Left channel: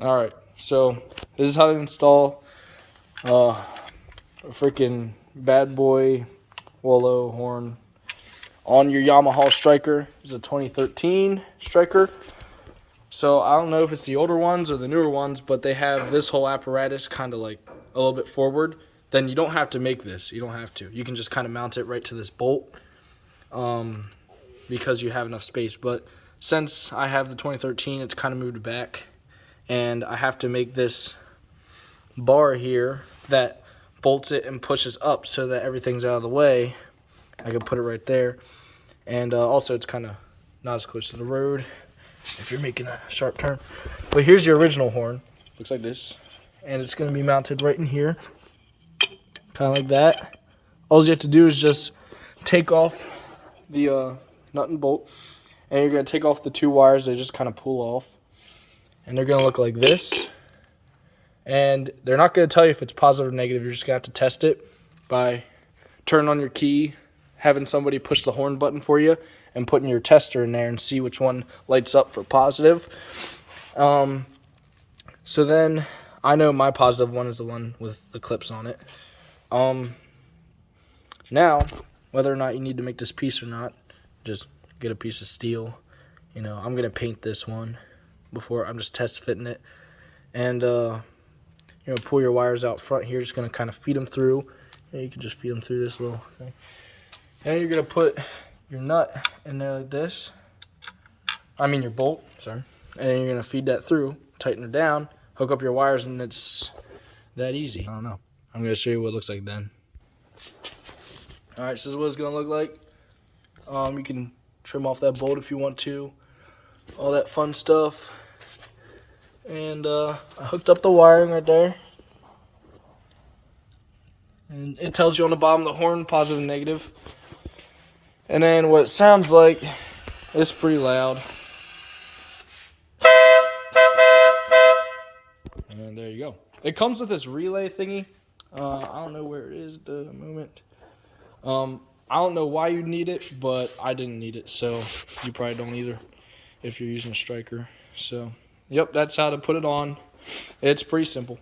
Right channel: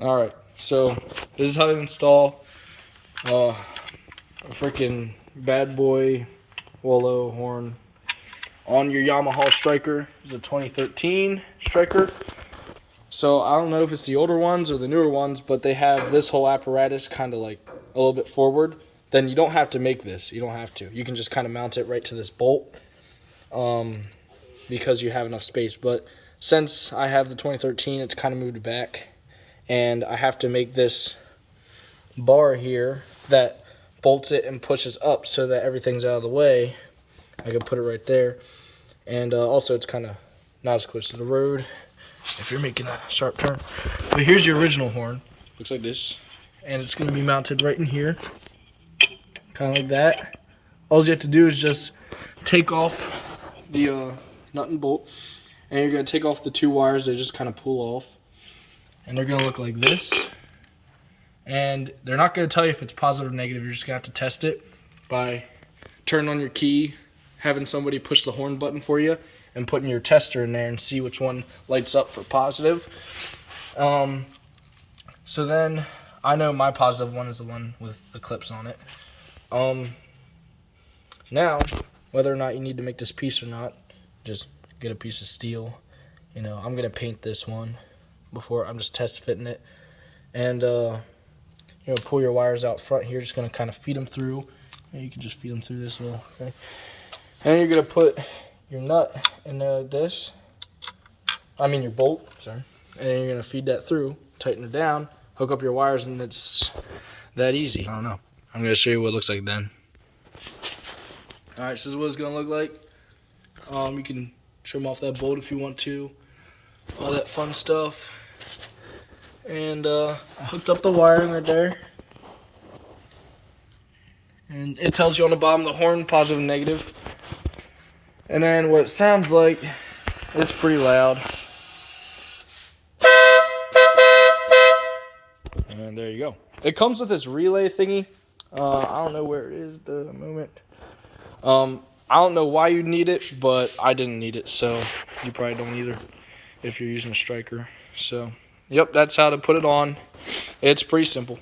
Alright, so this is how to install a freaking bad boy wolo horn on your Yamaha Stryker. It's a 2013 Stryker. So I don't know if it's the older ones or the newer ones, but they have this whole apparatus kind of like a little bit forward. Then you don't have to make this. You don't have to. You can just kind of mount it right to this bolt because you have enough space. But since I have the 2013, it's kind of moved back. And I have to make this bar here that bolts it and pushes up so that everything's out of the way. I can put it right there. And also it's kind of not as close to the road if you're making a sharp turn. But here's your original horn. Looks like this. And it's going to be mounted right in here. Kind of like that. All you have to do is just take off the nut and bolt. And you're going to take off the two wires that just kind of pull off. And they're going to look like this. And they're not going to tell you if it's positive or negative. You're just going to have to test it by turning on your key, having somebody push the horn button for you, and putting your tester in there and see which one lights up for positive. So then I know my positive one is the one with the clips on it. Now, whether or not you need to make this piece or not, just get a piece of steel. You know, I'm going to paint this one before. I'm just test fitting it. And you know, pull your wires out front here. Just going to kind of feed them through. And you can just feed them through this little thing. And then you're going to put your nut in there like this. I mean your bolt, sorry. And then you're going to feed that through, tighten it down, hook up your wires, and it's that easy. I don't know. I'm going to show you what it looks like then. Alright, so this is what it's going to look like. You can trim off that bolt if you want to. All that fun stuff. And I hooked up the wiring right there. And it tells you on the bottom of the horn, positive and negative. And then what it sounds like, it's pretty loud. And there you go. It comes with this relay thingy. I don't know where it is at the moment. I don't know why you need it, but I didn't need it, so you probably don't either if you're using a Stryker. So, yep, that's how to put it on. It's pretty simple.